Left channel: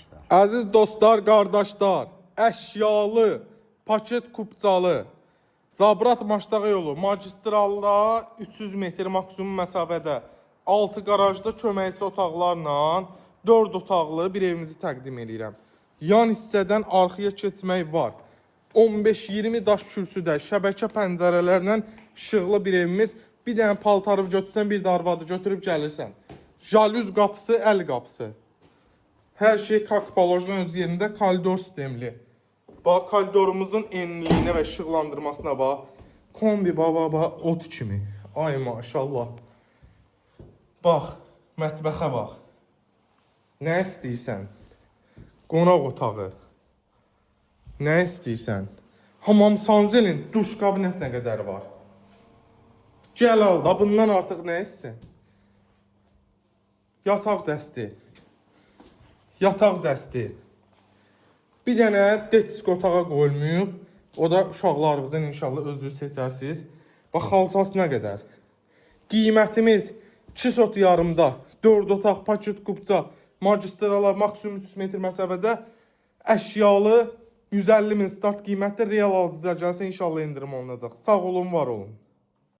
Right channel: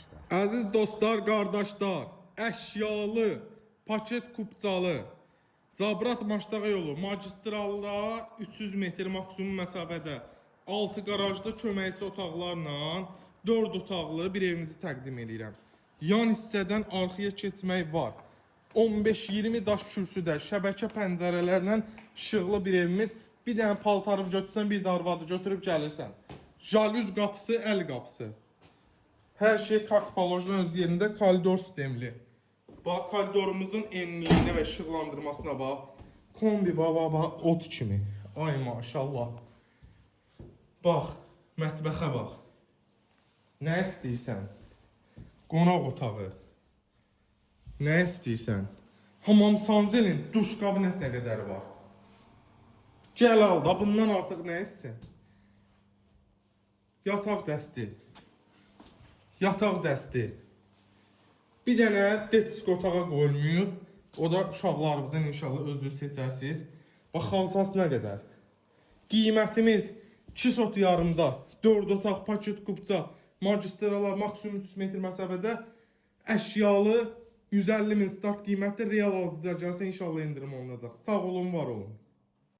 başla. Əziz dostlar, qardaşlar, əşyalı, paket kupçalı, Zabrat Maştağa yolu, magistralda 300 metr maksimum məsafədə, 6 qarajda köməkçi otaqlarla 4 otaqlı bir evimizi təqdim edirəm. Yan hissədən arxaya keçmək var. 15-20 daş kürsüdə, şəbəkə pəncərələrlə işıqlı bir evimiz. Bir dənə paltarı götürsən, bir də arvadı götürüb gəlirsən. Jalüz qapısı, əl qapısı. Hər şey kakpalojla öz yerində, koridor sistemli. Bax, koridorumuzun enliyinə və işıqlandırmasına bax. Kombi baba, ot kimi. Ay maşallah. Bax, mətbəxə bax. Nə istəyirsən? Qonaq otağı. Nə istəyirsən? Hamam sanzelin duş kabinəsi nə qədər var? Gəl al da, bundan artıq nə istəyirsən? Yataq dəsti. Yataq dəsti. Bir dənə detisk otağa qoyulmuyub. O da uşaqlarınızın inşallah özünüz seçərsiniz. Bax, xalçası nə qədər? Qiymətimiz 2 sot yarımda, 4 otaq, paket kupça, magistrala maksimum 300 metr məsafədə əşyalı 150 min start qiymətdə real alıcıda gəlsə inşallah indirim olunacaq. Sağ olun, var olun.